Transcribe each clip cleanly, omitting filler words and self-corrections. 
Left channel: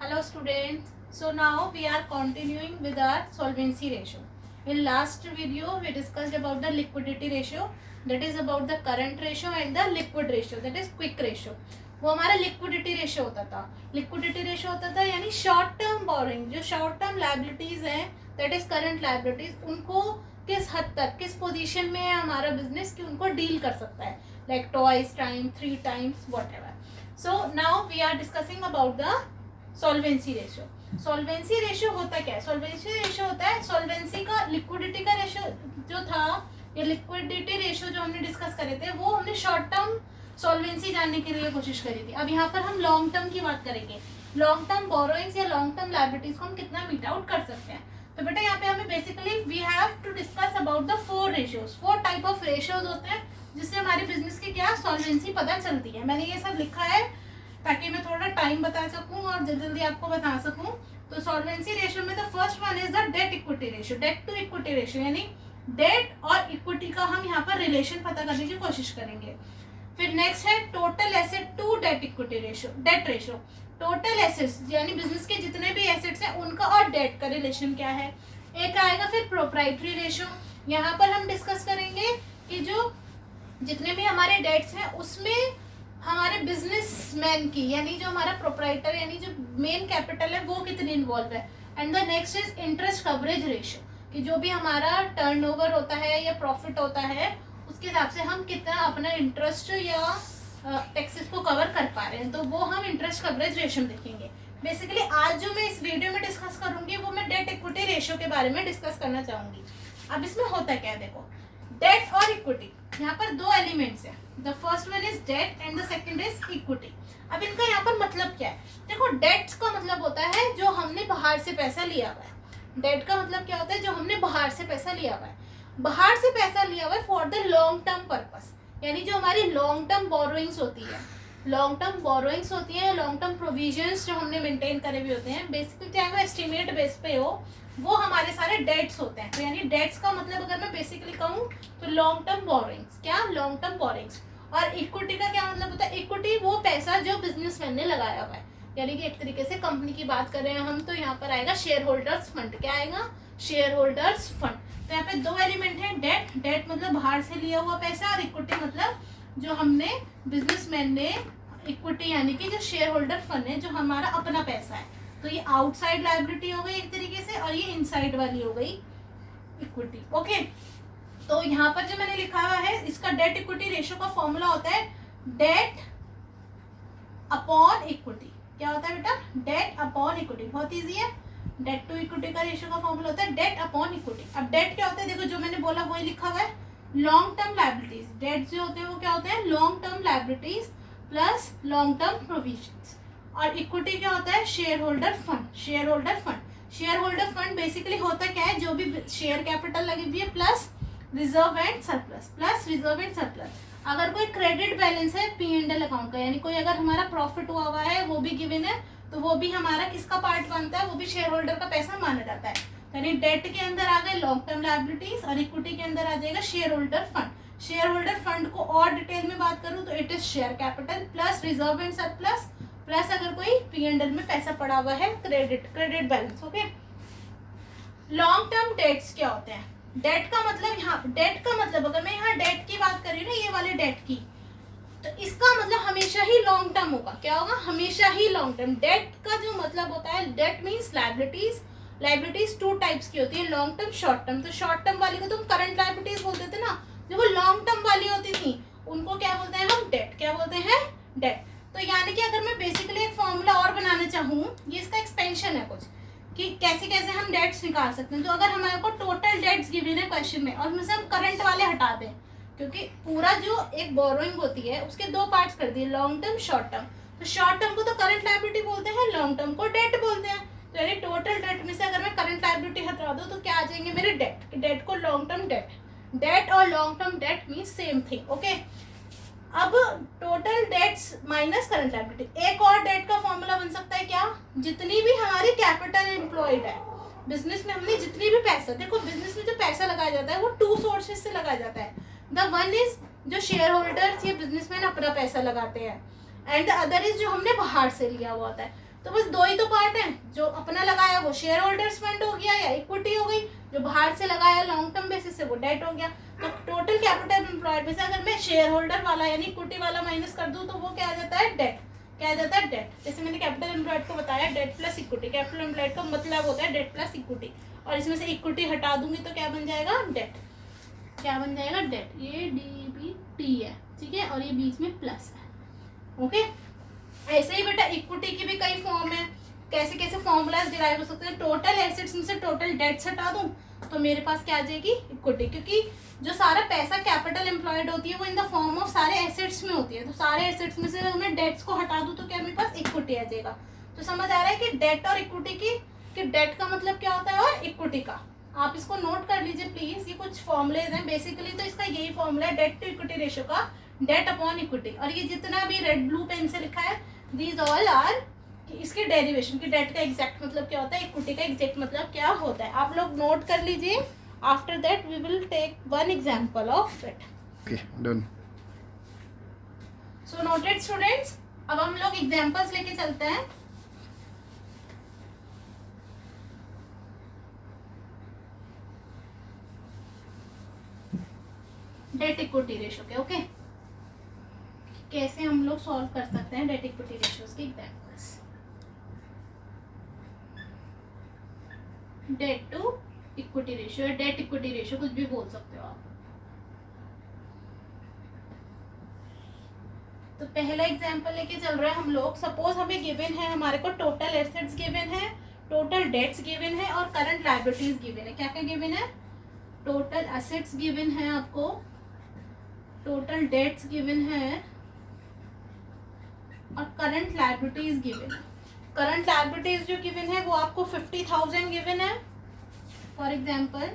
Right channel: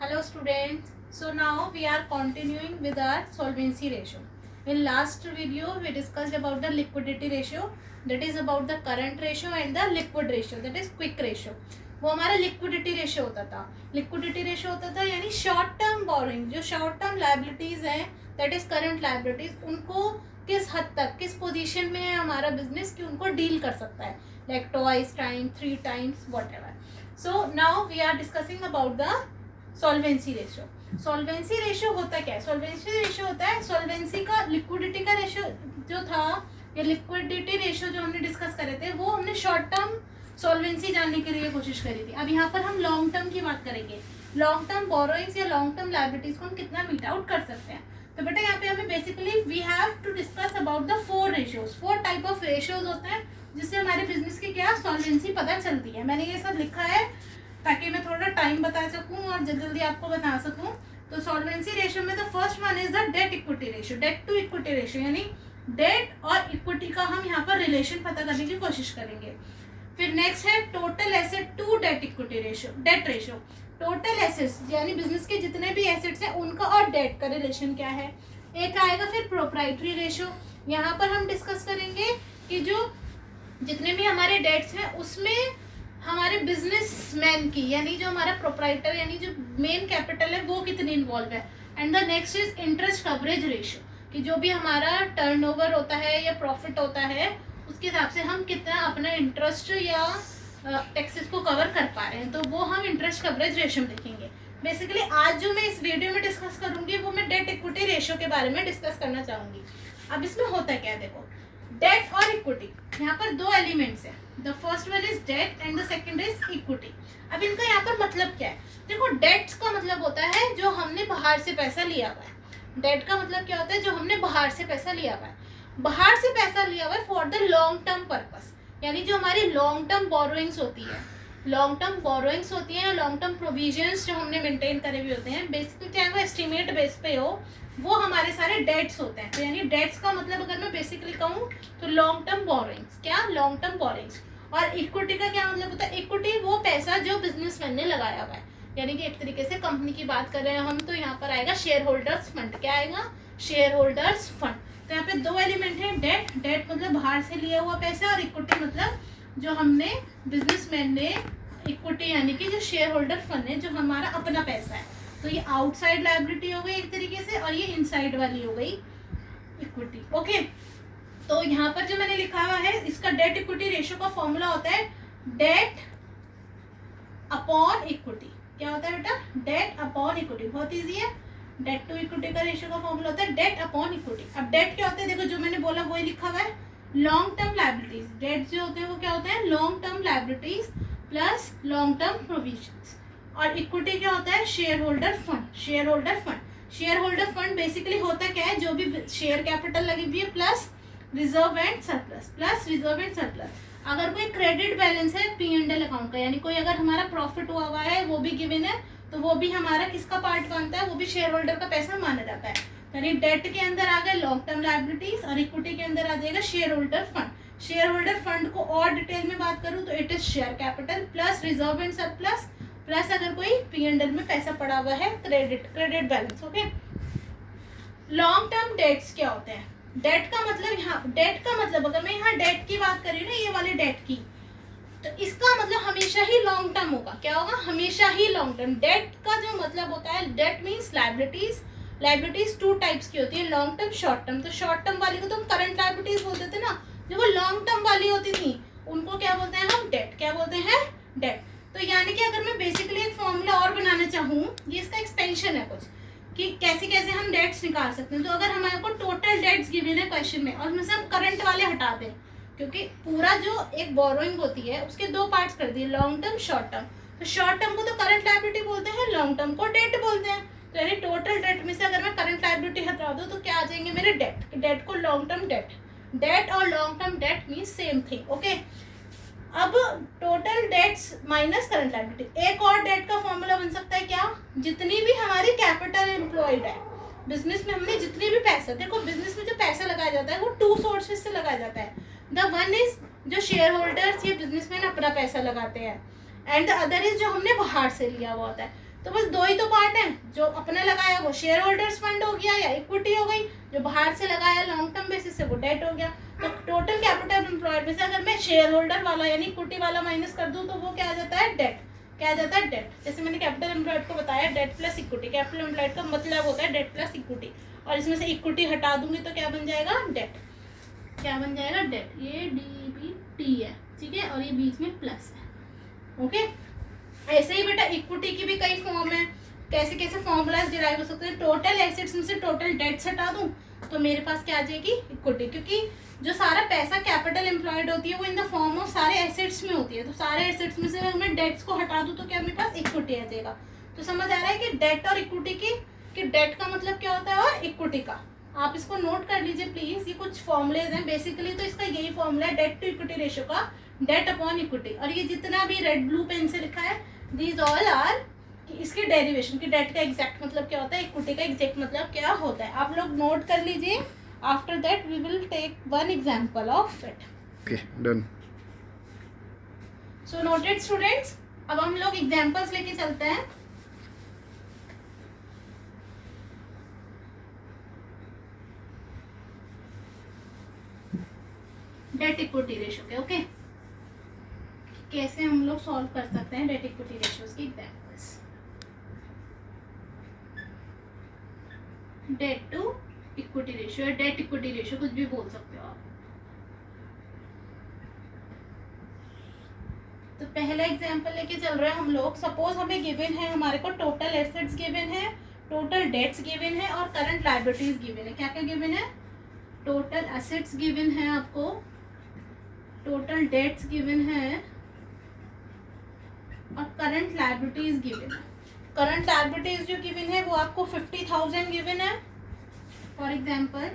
Hello students. So now we are continuing with our solvency ratio. In last video we discussed about the liquidity ratio, that is about the current ratio, and the liquid ratio, that is quick ratio. वो हमारा liquidity ratio होता था. Liquidity ratio होता था यानी short term borrowing, जो short term liabilities हैं that is current liabilities, उनको किस हद तक किस पोजीशन में है हमारा बिजनेस कि उनको डील कर सकता है, like twice time, 3 times, whatever. So now we are discussing about the solvency ratio. Solvency ratio होता क्या है? सॉल्वेंसी रेशियो होता है सॉल्वेंसी का लिक्विडिटी का रेशियो जो था, या लिक्विडिटी रेशियो जो हमने डिस्कस करे थे, वो हमने शॉर्ट टर्म सॉल्वेंसी जानने के लिए कोशिश करी थी. अब यहाँ पर हम लॉन्ग टर्म की बात करेंगे. लॉन्ग टर्म बोरोइंग्स या लॉन्ग टर्म लायबिलिटीज को हम कितना मीट आउट कर सकते हैं. तो बेटा यहाँ पे हमें basically we have to discuss about the 4 ratios. 4 type of ratios होते हैं जिससे हमारे बिजनेस की क्या सॉल्वेंसी पता चलती है. मैंने ये सब लिखा है ताकि मैं थोड़ा टाइम बता सकूं और जल्दी जल्दी आपको बता सकूं. तो सॉल्वेंसी रेशियो में the first one is the debt equity ratio. Debt to equity ratio यानी डेट और इक्विटी का हम यहाँ पर रिलेशन पता करने की कोशिश करेंगे. फिर नेक्स्ट है total asset to debt equity ratio, debt ratio. Total assets यानी बिजनेस के जितने भी एसेट्स हैं उनका और डेट का रिलेशन क्या है. एक आएगा फिर प्रोप्राइटरी रेशियो. यहाँ पर हम डिस्कस करेंगे कि जो जितने भी हमारे डेट्स हैं उसमें हमारे बिजनेसमैन की यानी जो हमारा प्रोप्राइटर यानी जो मेन कैपिटल है वो कितनी इन्वॉल्व है. And the next is interest coverage ratio, कि जो भी हमारा टर्नओवर होता है या प्रॉफिट होता है उसके हिसाब से हम कितना अपना इंटरेस्ट या टैक्सेस को कवर कर पा रहे हैं, तो वो हम इंटरेस्ट कवरेज रेशियो देखेंगे. बेसिकली आज जो मैं इस वीडियो में डिस्कस करूंगी वो मैं डेट इक्विटी रेशियो के बारे में डिस्कस करना चाहूंगी. अब इसमें होता क्या है, देखो डेट और इक्विटी, यहाँ पर 2 एलिमेंट्स हैं. The first one is debt and the second is equity. अब इनका यहाँ पर मतलब क्या है, देखो डेट्स का मतलब होता है जो हमने बाहर से पैसा लिया हुआ है. डेट का मतलब क्या होता है, जो हमने बाहर से पैसा लिया हुआ है. बाहर से पैसा लिया हुआ है for the long term purpose, यानी जो हमारी लॉन्ग टर्म बोरोइंग्स होती है, लॉन्ग टर्म बोरोइंग्स होती हैं, लॉन्ग टर्म प्रोविजंस जो हमने मेंटेन करे हुए होते हैं, बेसिकली चाहे वो एस्टिमेट बेस पे हो, वो हमारे सारे डेट्स होते हैं. तो यानी डेट्स का मतलब अगर मैं बेसिकली कहूँ तो लॉन्ग टर्म बोरोइंग्स, क्या लॉन्ग टर्म बोरोइंग्स. और इक्विटी का क्या मतलब होता है, इक्विटी वो पैसा जो बिजनेसमैन ने लगाया हुआ है, यानी कि एक तरीके से कंपनी की बात कर रहे हैं हम, तो यहाँ पर आएगा शेयर होल्डर्स फंड. क्या आएगा, शेयर होल्डर्स फंड. तो यहाँ पे 2 एलिमेंट है, डेट, डेट मतलब बाहर से लिया हुआ पैसा, और इक्विटी मतलब जो हमने बिजनेसमैन ने इक्विटी यानी कि जो शेयर होल्डर फंड है जो हमारा अपना पैसा है. तो ये आउटसाइड लायबिलिटी हो गई एक तरीके से, और ये इनसाइड वाली हो गई इक्विटी. ओके, तो यहाँ पर जो मैंने लिखा हुआ है इसका डेट इक्विटी रेशियो का फॉर्मूला होता है डेट अपॉन इक्विटी. क्या होता है बेटा, डेट अपॉन इक्विटी. बहुत इजी है. डेट टू इक्विटी का रेशियो का फॉर्मूला होता है डेट अपॉन इक्विटी. अब डेट क्या होता है, देखो जो मैंने बोला वही लिखा हुआ है, लॉन्ग टर्म लायबिलिटीज. डेट जो होते हैं वो क्या होते हैं, long term liabilities plus long term provisions. और इक्विटी क्या होता है, share holder fund. Share holder fund, share holder fund basically होता क्या है, जो भी शेयर कैपिटल लगी हुई है plus reserve and surplus, plus reserve and surplus. अगर कोई क्रेडिट बैलेंस है P&L अकाउंट का, यानी कोई अगर हमारा प्रॉफिट हुआ है वो भी गिवन है, तो वो भी हमारा किसका पार्ट बनता है, वो भी शेयर होल्डर का पैसा माना जाता है. यानी डेट के अंदर आ गए लॉन्ग टर्म लायबिलिटीज और इक्विटी के अंदर आ जाएगा share holder fund. Share holder fund को और डिटेल में बात करूँ तो it is share capital plus reserve and surplus, plus अगर कोई P&L में पैसा पड़ा हुआ है credit balance. Okay, long term debts क्या होते हैं. डेट का मतलब, यहाँ डेट का मतलब अगर मैं यहाँ डेट की बात कर रही हूँ ना, ये वाले डेट की, तो इसका मतलब हमेशा ही लॉन्ग टर्म होगा. क्या होगा, हमेशा ही लॉन्ग टर्म. डेट का जो मतलब होता है, that means liabilities. Liabilities 2 types की होती है, लॉन्ग टर्म, शॉर्ट टर्म. तो शॉर्ट टर्म वाली को तो हम करंट लायबिलिटीज बोलते थे ना, जो वो लॉन्ग टर्म वाली होती थी उनको क्या बोलते हैं हम, डेट. क्या बोलते हैं, डेट. तो यानी कि अगर मैं बेसिकली एक फॉर्मूला और बनाना चाहूँ, ये इसका एक्सपेंशन है कुछ, कि कैसे कैसे हम डेट्स निकाल सकते हैं. तो अगर हमारे को टोटल डेट्स गिवन है क्वेश्चन में और उसमें से हम करंट वाले हटा दें, क्योंकि पूरा जो एक बोरोइंग होती है उसके 2 पार्ट्स कर दिए, लॉन्ग टर्म, शॉर्ट टर्म. तो शॉर्ट टर्म को तो करंट लायबिलिटी बोलते हैं, लॉन्ग टर्म को डेट बोलते हैं. तो यानी टोटल डेट में से अगर मैं करंट लायबिलिटी हटा दूँ तो क्या आ जाएंगे मेरे डेट. डेट को लॉन्ग टर्म डेट, डेट और long term debt means same thing. Okay, अब total debts minus current liability. एक और डेट का फॉर्मूला बन सकता है क्या, जितनी भी हमारी कैपिटल एम्प्लॉयड है बिजनेस में, हमने जितनी भी पैसा, देखो बिजनेस में जो पैसा लगाया जाता है वो 2 सोर्सेज से लगाया जाता है. द वन इज जो शेयर होल्डर्स या बिजनेसमैन अपना पैसा लगाते हैं, एंड द अदर इज जो हमने बाहर से लिया हुआ होता है. तो बस दो ही तो पार्ट है, जो अपना लगाया वो शेयर होल्डर्स फंड हो गया या इक्विटी हो गई, जो बाहर से लगाया लॉन्ग टर्म बेसिस से वो डेट हो गया। तो टोटल कैपिटल एम्प्लॉयड में से अगर मैं शेयर होल्डर वाला यानी इक्विटी वाला माइनस कर दूं तो वो क्या आ जाता है, डेट। क्या आ जाता है, डेट। जैसे मैंने कैपिटल एम्प्लॉयड को बताया debt plus equity, capital employed का मतलब होता है डेट प्लस इक्विटी, और इसमें से इक्विटी हटा दूंगी तो क्या बन जाएगा, डेट। क्या बन जाएगा, डेट। ये DBT है, ठीक है, और ये बीच में प्लस है। ओके, ऐसे ही बेटा इक्विटी की भी कई फॉर्म है, कैसे कैसे फॉर्मूलाज डिराइव हो सकते हैं। टोटल एसेट्स में से टोटल डेट्स हटा दूं तो मेरे पास क्या आ जाएगी, इक्विटी, क्योंकि जो सारा पैसा कैपिटल एम्प्लॉयड होती है वो इन द फॉर्म ऑफ सारे एसेट्स में होती है, तो सारे एसेट्स में से अगर मैं डेट्स को हटा दूं तो क्या मेरे पास इक्विटी आ जाएगा। तो समझ आ रहा है कि डेट और इक्विटी कि डेट का मतलब क्या होता है और इक्विटी का। आप इसको नोट कर लीजिए प्लीज, ये कुछ फॉर्मुलेज हैं बेसिकली, तो इसका यही फॉर्मूला है डेट टू इक्विटी रेशियो का, डेट अपॉन इक्विटी। और ये जितना भी रेड ब्लू पेन से लिखा है दीज ऑल आर कि इसकी डेरिवेशन की डेट का एग्जैक्ट मतलब क्या होता है, इक्विटी का एग्जैक्ट मतलब क्या होता है, आप लोग नोट कर लीजिए। After that we will take one example of it. Okay, done. So noted students, अब हम लोग एग्जांपल्स लेके चलते हैं। डेट इक्विटी रेशियो के, ओके, कैसे हम लोग सॉल्व कर सकते हैं डेट इक्विटी रेशियोज की examples. Debt to equity ratio, debt equity ratio कुछ भी बोल सकते हो आप। तो पहला एग्जांपल लेके चल रहे हैं हम लोग। सपोज हमें गिवन है, हमारे को टोटल एसेट्स गिवन है, टोटल डेट्स गिवन है और करंट लायबिलिटीज गिवन है। क्या क्या गिवन है, टोटल एसेट्स गिवन है आपको, टोटल डेट्स गिवन है और करंट लायबिलिटीज गिवन है। करंट लायबिलिटीज जो गिवन है वो आपको 50,000 गिवन है फॉर एग्जांपल,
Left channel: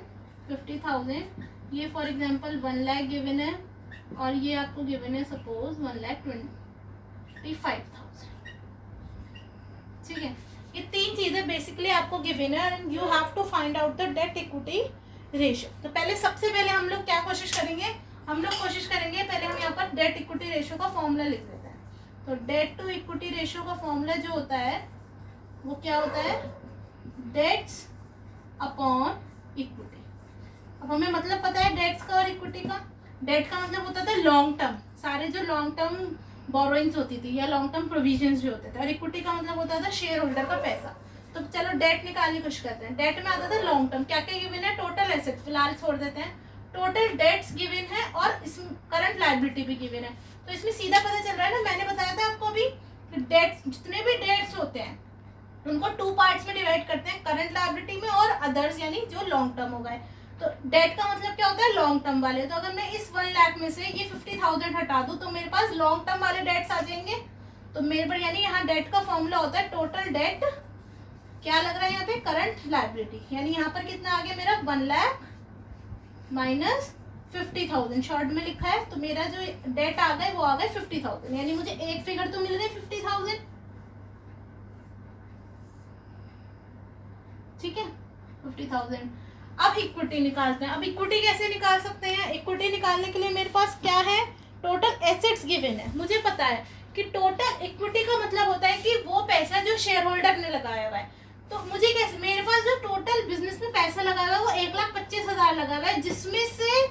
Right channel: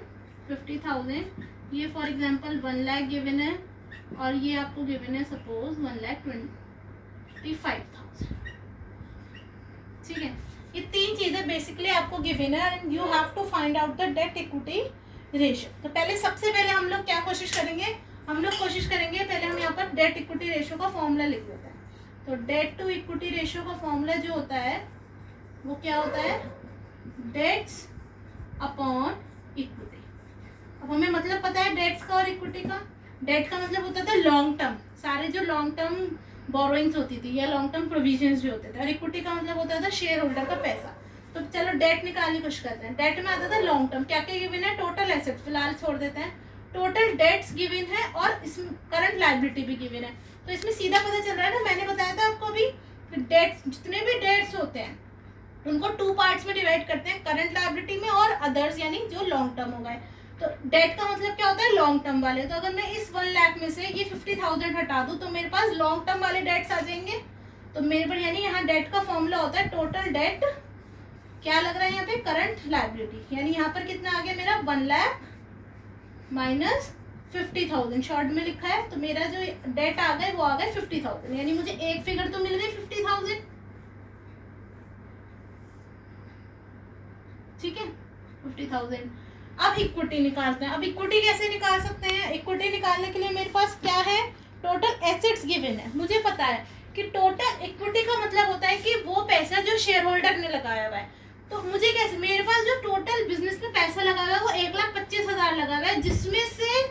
50,000। ये फॉर एग्जांपल 1 लाख गिवन है, और ये आपको गिवन है सपोज 1,25,000। ठीक है, ये तीन चीजें बेसिकली आपको गिवन है and you have to find out the debt equity ratio. तो पहले सबसे पहले हम लोग क्या कोशिश करेंगे, हम लोग कोशिश करेंगे पहले हम यहाँ पर डेट इक्विटी रेशियो का फॉर्मूला लिख देते हैं। तो डेट टू इक्विटी रेशियो का फॉर्मूला जो होता है वो क्या होता है, डेट्स अपॉन इक्विटी। अब हमें मतलब पता है डेट्स का और इक्विटी का। डेट का मतलब होता था लॉन्ग टर्म, सारे जो लॉन्ग टर्म बोरोइंग्स होती थी या लॉन्ग टर्म प्रोविजंस जो होते थे, और इक्विटी का मतलब होता था शेयर होल्डर का पैसा। तो चलो डेट निकालने की कोशिश करते हैं। डेट में आता था लॉन्ग टर्म, क्या क्या गिवन है, टोटल एसेट फिलहाल छोड़ देते हैं, टोटल डेट्स गिवन है और इसमें करंट लायबिलिटी भी गिवन है। तो इसमें सीधा पता चल रहा है ना, मैंने बताया था आपको अभी, डेट्स जितने भी डेट्स होते हैं उनको 2 पार्ट्स में डिवाइड करते हैं, करंट लायबिलिटी में और अदर्स यानी जो लॉन्ग टर्म हो गए। तो डेट का मतलब क्या होता है, लॉन्ग टर्म वाले। तो अगर मैं इस 1 लाख में से ये 50,000 हटा दूं तो मेरे पास लॉन्ग टर्म वाले डेट्स आ जाएंगे। तो मेरे पर यानी यहाँ डेट का फॉर्मूला होता है टोटल डेट, क्या लग रहा है यहाँ पे, करंट लायबिलिटी। यानी यहाँ पर कितना आ गया मेरा, 1 लाख माइनस 50,000 शॉर्ट में लिखा है। तो मेरा जो डेट आ गए वो आ गए 50,000, यानी मुझे एक फिगर तो मिल गई 50,000। ठीक है, 50,000। अब इक्विटी निकालते हैं। अब इक्विटी कैसे निकाल सकते हैं, इक्विटी निकालने के लिए मेरे पास क्या है, टोटल एसेट्स गिवन है। मुझे पता है कि टोटल इक्विटी का मतलब होता है कि वो पैसा जो शेयर होल्डर ने लगाया हुआ है। तो मुझे कैसे, मेरे पास जो टोटल बिजनेस में पैसा लगा हुआ है वो 1,25,000 लगा हुआ है, जिसमें से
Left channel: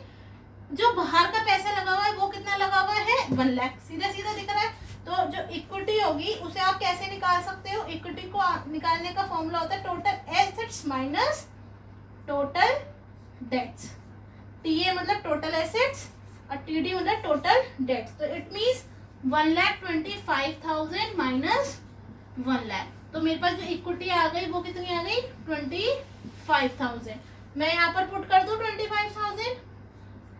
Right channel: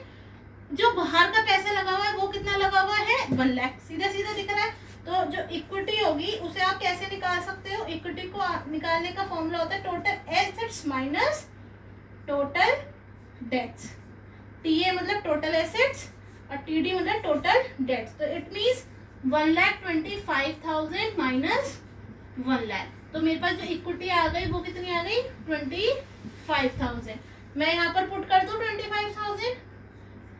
जो बाहर का पैसा लगा हुआ है वो कितना लगा हुआ है, 1 लाख। सीधा सीधा दिख रहा है। तो जो इक्विटी होगी उसे आप कैसे निकाल सकते हो, इक्विटी को निकालने का फॉर्मूला होता है total assets minus total debts. TA मतलब टोटल एसेट्स और टीडी मतलब टोटल डेट्स। तो इट मीन्स 1,25,000 माइनस 1 लाख। तो मेरे पास जो इक्विटी आ गई वो कितनी आ गई, 25,000। मैं यहाँ पर पुट कर दूँ 25,000,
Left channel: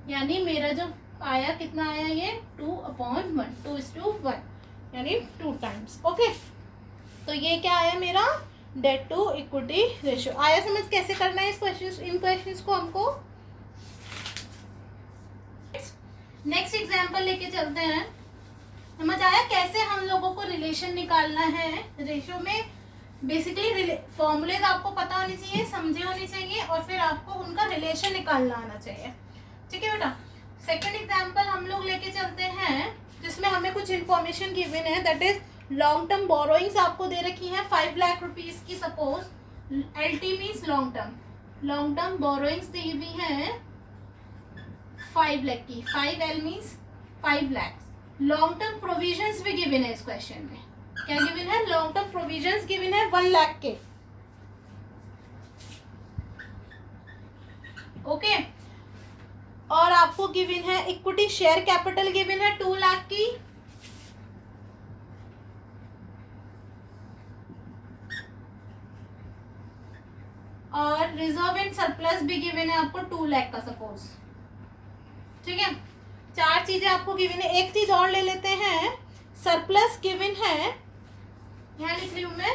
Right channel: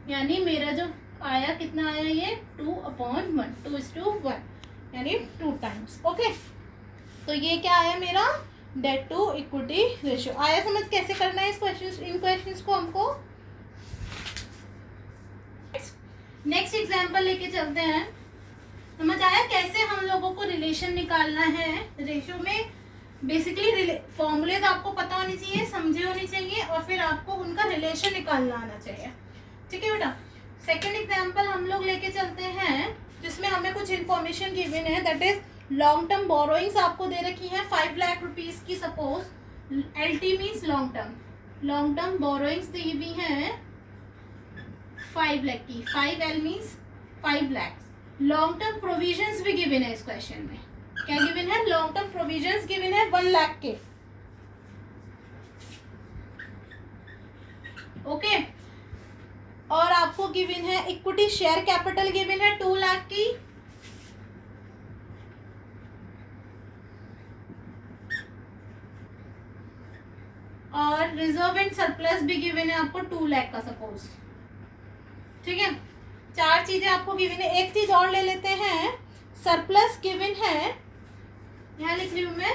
यानी मेरा जो आया कितना आया, ये 2/1, 2:1, यानी 2 टाइम्स। ओके, तो ये क्या आया मेरा, डेट टू इक्विटी रेशियो आया। समझ कैसे करना है इस क्वेश्चन, इन क्वेश्चंस को हमको। नेक्स्ट एग्जांपल लेके चलते हैं। समझ आया कैसे हम लोगों को रिलेशन निकालना है रेशियो में। बेसिकली फॉर्मूले आपको पता होनी चाहिए, समझे होनी चाहिए, और फिर आपको उनका रिलेशन निकालना आना चाहिए। ठीक है बेटा। सेकेंड एग्जाम्पल हम लोग लेके चलते हैं जिसमें हमें कुछ इन्फॉर्मेशन गिवन है, that is long term borrowings आपको दे रखी है 5 लाख रुपीज की, suppose LT means long term borrowings दी हुई है 5 लाख की, 5L means 5 lakh. Long term provisions भी गिवन है इस क्वेश्चन में, क्या गिवन है, लॉन्ग टर्म प्रोविजंस गिवन है 1 लाख के, ओके। और आपको गिवन है इक्विटी शेयर कैपिटल गिवन है 2 लाख की, और रिजर्व एंड सरप्लस भी गिवन है आपको 2 लाख का सपोज, ठीक है। 4 चीजें आपको गिवन है। एक चीज और ले लेते हैं, सरप्लस गिवन है, यहाँ लिख रही हूं मैं,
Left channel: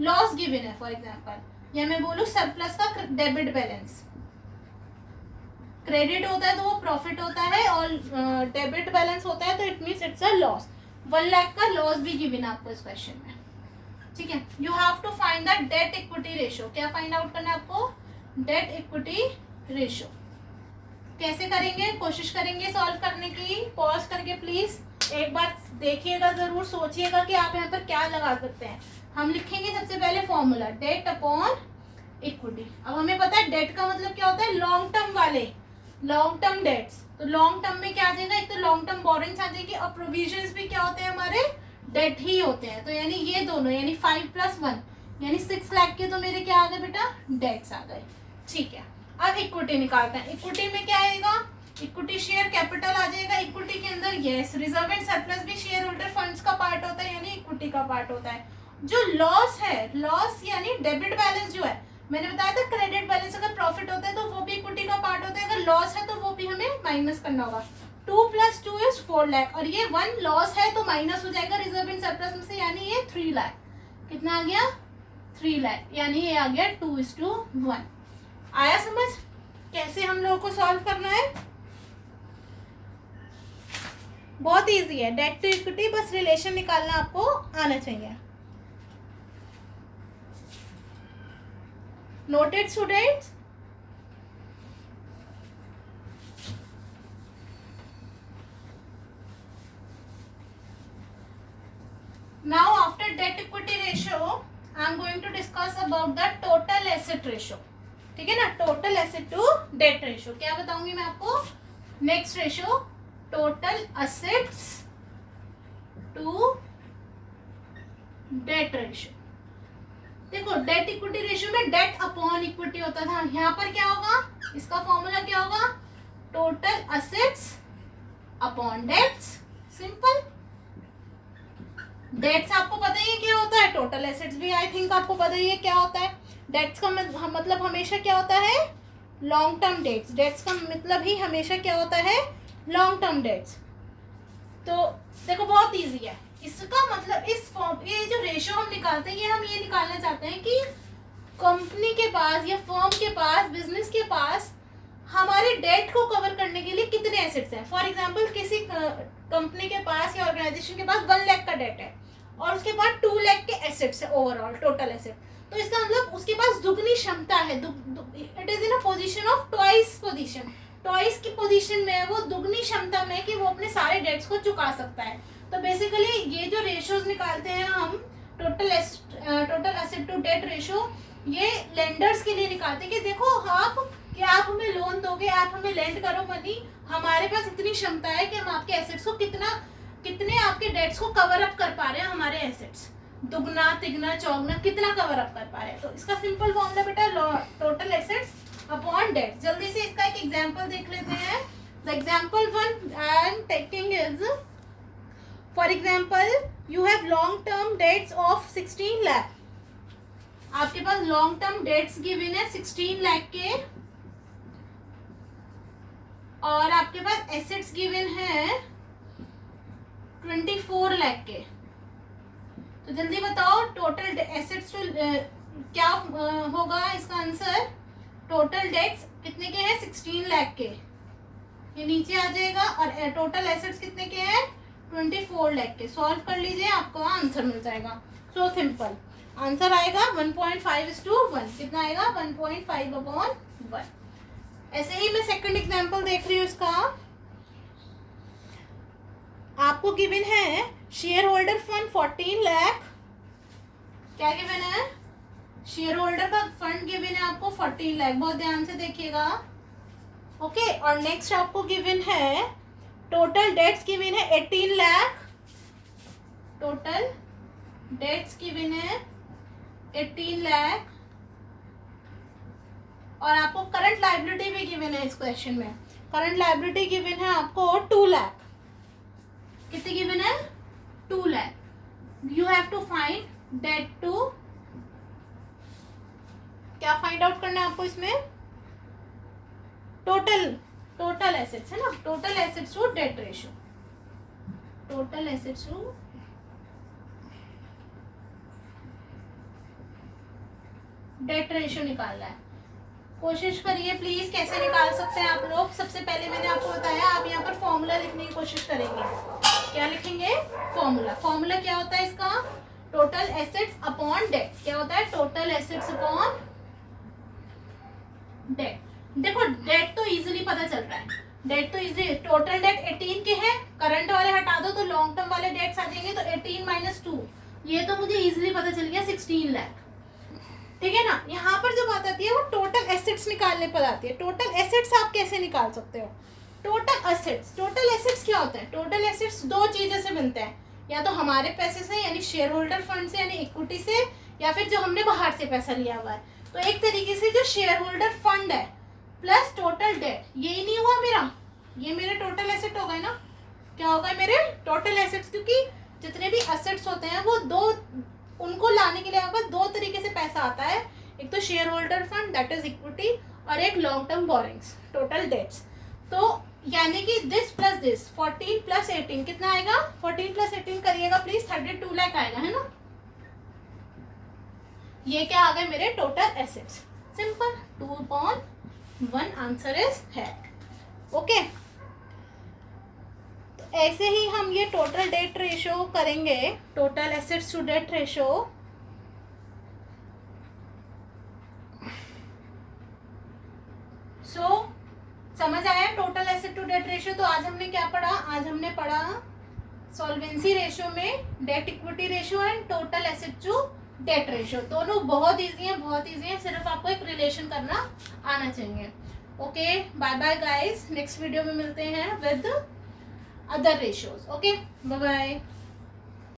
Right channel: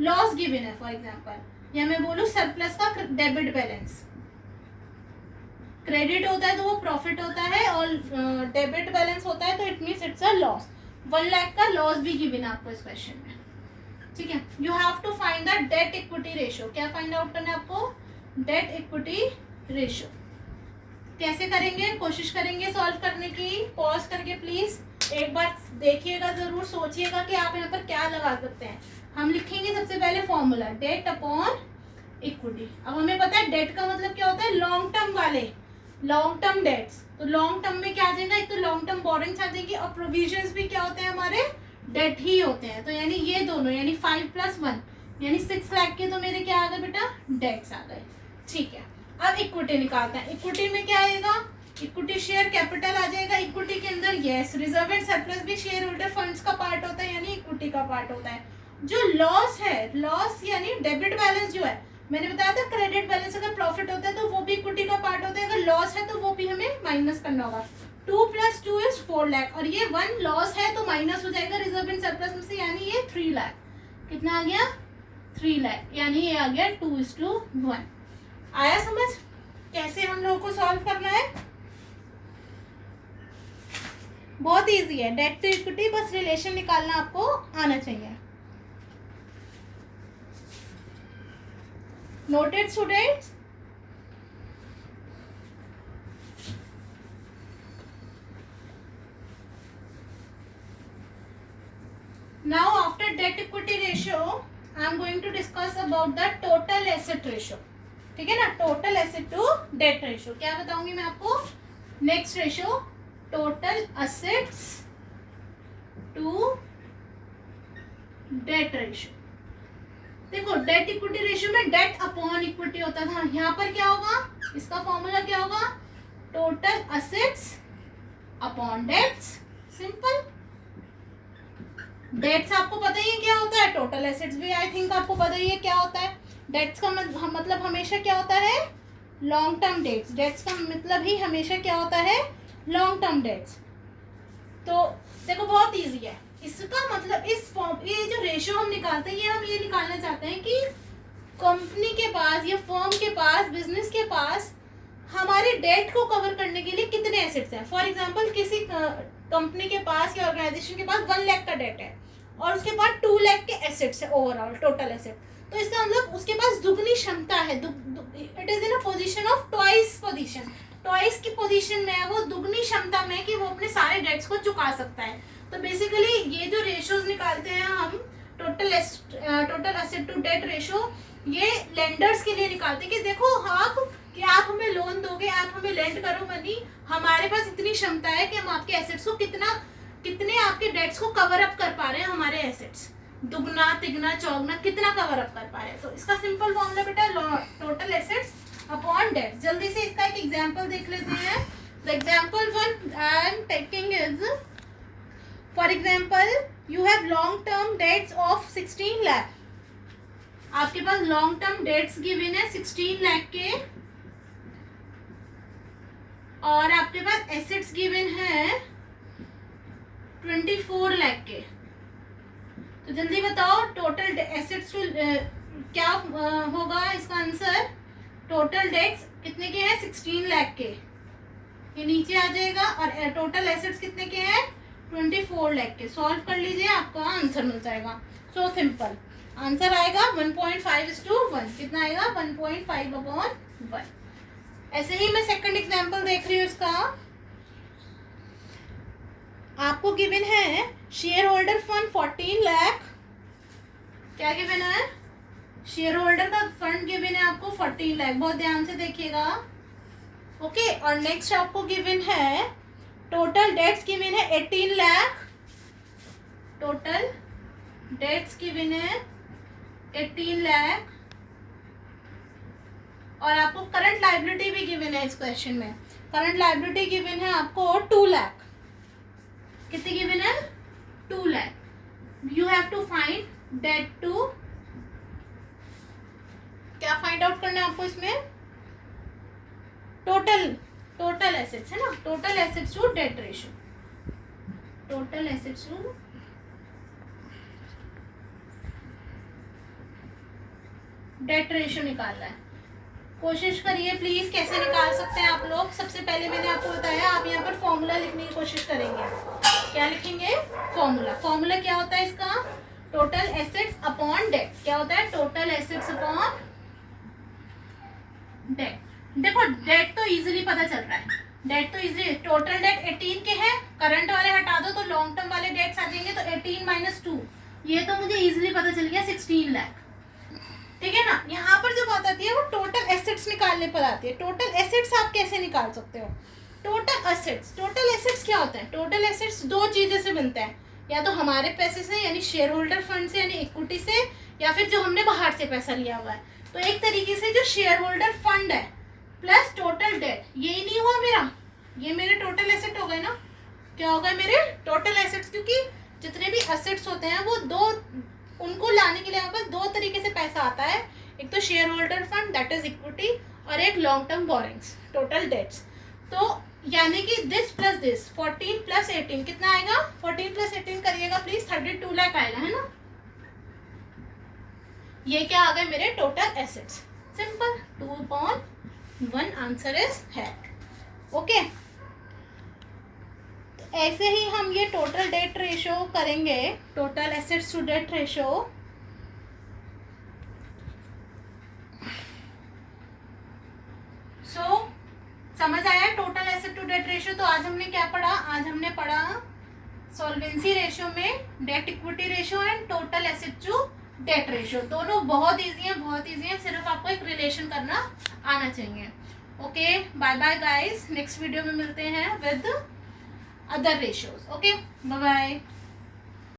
लॉस गिवन है फॉर एग्जांपल, या मैं बोलूं सरप्लस का डेबिट बैलेंस, क्रेडिट होता है तो वो प्रॉफिट होता है, और डेबिट बैलेंस होता है तो it means it's a loss. 1 lakh का लॉस भी गिवन है आपको इस क्वेश्चन में, ठीक है। You have to find the debt equity ratio, क्या फाइंड आउट करना है आपको, डेट इक्विटी रेशियो। कैसे करेंगे, कोशिश करेंगे सॉल्व करने की, पॉज करके प्लीज एक बार देखिएगा, जरूर सोचिएगा कि आप यहाँ पर क्या लगा सकते हैं। हम लिखेंगे सबसे पहले फॉर्मूला डेट अपॉन इक्विटी। अब हमें पता है डेट का मतलब क्या होता है, लॉन्ग टर्म वाले, लॉन्ग टर्म डेट्स, तो लॉन्ग टर्म में क्या आ जाएगा, एक तो लॉन्ग टर्म बोरिंग्स आ जाएगी, और प्रोविजंस भी क्या होते हैं हमारे, डेट ही होते हैं। तो यानी ये दोनों, यानी 5 + 1 यानी 6 लाख के तो मेरे क्या आ गए बेटा, डेट्स आ गए, ठीक है। अब इक्विटी निकालते हैं, इक्विटी में क्या आएगा, इक्विटी शेयर कैपिटल आ जाएगा, इक्विटी के अंदर यस रिजर्व एंड सरप्लस भी शेयर होल्डर फंड्स का पार्ट होता है, यानी इक्विटी का पार्ट होता है। जो लॉस है, लॉस यानी डेबिट बैलेंस जो है, मैंने बताया था क्रेडिट बैलेंस अगर प्रॉफिट होता है तो वो भी इक्विटी का पार्ट होता है, अगर लॉस है तो वो भी हमें माइनस करना होगा। 2 + 2 = 4 लाख, और ये 1 लॉस है तो माइनस हो जाएगा रिजर्व एंड सरप्लस में से, यानी ये 3 लाख। कितना आ गया, 3 लाख, यानी ये आ गया 2:1। आया समझ कैसे हम लोगों को सॉल्व करना है, बहुत इजी है। डेट टू इक्विटी, बस रिलेशन निकालना आपको आना चाहिए। Noted students? Now after debt equity ratio, I am going to discuss about the total asset ratio. ठीक है ना, total asset to debt ratio क्या बताऊंगी मैं आपको, next ratio total assets to debt ratio। देखो डेट इक्विटी रेशियो में date upon equity होता था, यहाँ पर क्या होगा, इसका फॉर्मूला क्या होगा, total assets upon debts, simple. Debts आपको पता ही है क्या होता है, टोटल एसेट्स भी आई थिंक आपको पता ही है क्या होता है। डेट्स का मतलब हमेशा क्या होता है, लॉन्ग टर्म डेट्स, डेट्स का मतलब ही हमेशा क्या होता है, लॉन्ग टर्म डेट्स। तो देखो बहुत इजी है, इसका मतलब इस फॉर्म, ये जो रेशियो हम निकालते हैं, ये हम ये निकालना चाहते हैं कि कंपनी के पास या फर्म के पास, बिजनेस के पास हमारे डेट को कवर करने के लिए कितने एसेट्स हैं। फॉर एग्जांपल किसी कंपनी के पास या ऑर्गेनाइजेशन के पास 1 लाख का डेट है और उसके पास 2 लाख के एसेट्स है ओवरऑल टोटल एसेट, तो इसका मतलब उसके पास दुगनी क्षमता है, it is in a position of twice position, twice की पोजीशन में है वो, दुगनी क्षमता में कि वो अपने सारे डेट्स को चुका सकता है। तो बेसिकली ये जो रेशियोज निकालते हैं हम, total asset to debt ratio, ये लेंडर्स के लिए निकालते हैं कि देखो आप हमें लोन दोगे, आप हमें लेंड करो मनी, हमारे पास इतनी क्षमता है कि हम आपके एसेट्स को कितने आपके डेट्स को कवर अप कर पा रहे हैं, हमारे एसेट्स दुगना तिगना चौगना कितना कवर अप कर पा रहे हैं। तो इसका सिंपल फॉर्मूला बेटा टोटल एसेट्स अपॉन डेट। जल्दी से इसका एक एग्जांपल देख लेते हैं। The example 1 I am taking is, for example you have long term debts of 16 lakh, आपके पास लॉन्ग टर्म डेट्स गिवन है 16 लाख के, और आपके पास एसेट्स गिवन है 24 लाख के। तो जल्दी बताओ टोटल एसेट्स टू क्या होगा इसका आंसर, टोटल डेट्स कितने के हैं 16 लाख के, ये नीचे आ जाएगा, और टोटल एसेट्स कितने के हैं 24 लाख के। सॉल्व कर लीजिए, आपको आंसर मिल जाएगा। सो सिंपल आंसर आएगा 1.5:1, कितना आएगा 1.5/1। ऐसे ही मैं सेकंड एग्जांपल देख रही हूँ, इसका आपको गिवन है शेयर होल्डर फंड 14 लाख, क्या गिवन है, शेयर होल्डर का फंड गिवन है आपको 14 लाख, बहुत ध्यान से देखिएगा। ओके, और नेक्स्ट आपको गिवन है टोटल डेट्स गिवन है 18 लाख, टोटल डेट्स गिवन है 18 लाख, और आपको करंट लायबिलिटी भी गिवन है इस क्वेश्चन में। करंट लायबिलिटी गिवन है आपको 2 लाख, कितनी गिवन है, 2 lakh. You have to find debt to, क्या फाइंड आउट करना है आपको इसमें, टोटल एसेट्स है ना, total assets to debt ratio, total assets to debt ratio निकालना है। कोशिश करिए प्लीज, कैसे निकाल सकते हैं आप लोग। सबसे पहले मैंने आपको बताया, आप यहाँ पर फॉर्मूला लिखने की कोशिश करेंगे। क्या लिखेंगे, फॉर्मूला। फॉर्मूला क्या होता है इसका, टोटल एसेट्स अपॉन डेट। क्या होता है, टोटल एसेट्स अपॉन डेट। देखो डेट तो इजीली पता चल रहा है, डेट तो इजीली, टोटल डेट 18 के हैं, करंट वाले हटा दो तो लॉन्ग टर्म वाले डेट्स आ जाएंगे, तो 18 माइनस 2, ये तो मुझे इजीली पता चल गया 16 लाख, ठीक है ना। यहाँ पर जो बात आती है वो टोटल एसेट्स निकालने पर आती है। टोटल एसेट्स आप कैसे निकाल सकते हो, टोटल एसेट्स, टोटल एसेट्स क्या होता है, टोटल एसेट्स दो चीज़ों से बनते हैं, या तो हमारे पैसे से यानी शेयर होल्डर फंड से यानी इक्विटी से, या फिर जो हमने बाहर से पैसा लिया हुआ है। तो एक तरीके से जो शेयर होल्डर फंड है प्लस टोटल डेट, यही नहीं हुआ मेरा, ये मेरे टोटल एसेट हो गए ना। क्या हो गए मेरे टोटल एसेट्स, क्योंकि जितने भी एसेट्स होते हैं वो दो, उनको लाने के लिए हमारे पास दो तरीके से पैसा आता है, एक तो share holder fund that is equity, और एक long term borrowings total debts. तो यानी कि दिस प्लस दिस 14 प्लस 18 कितना आएगा, 14 प्लस 18 करिएगा प्लीज, 32 लाख आएगा, है ना। ये क्या आ गए मेरे total assets, simple 2/1 answer is है। ओके, तो ऐसे ही हम ये टोटल डेट रेशियो करेंगे, total assets to debt ratio. So समझ आया total asset to debt ratio. तो आज हमने क्या पढ़ा, आज हमने पढ़ा सॉल्वेंसी रेशियो में debt equity ratio and total asset to debt ratio. दोनों बहुत इजी है, बहुत इजी है, सिर्फ आपको एक रिलेशन करना आना चाहिए। Okay, bye bye guys, next video में मिलते हैं with other ratios. Okay, bye bye.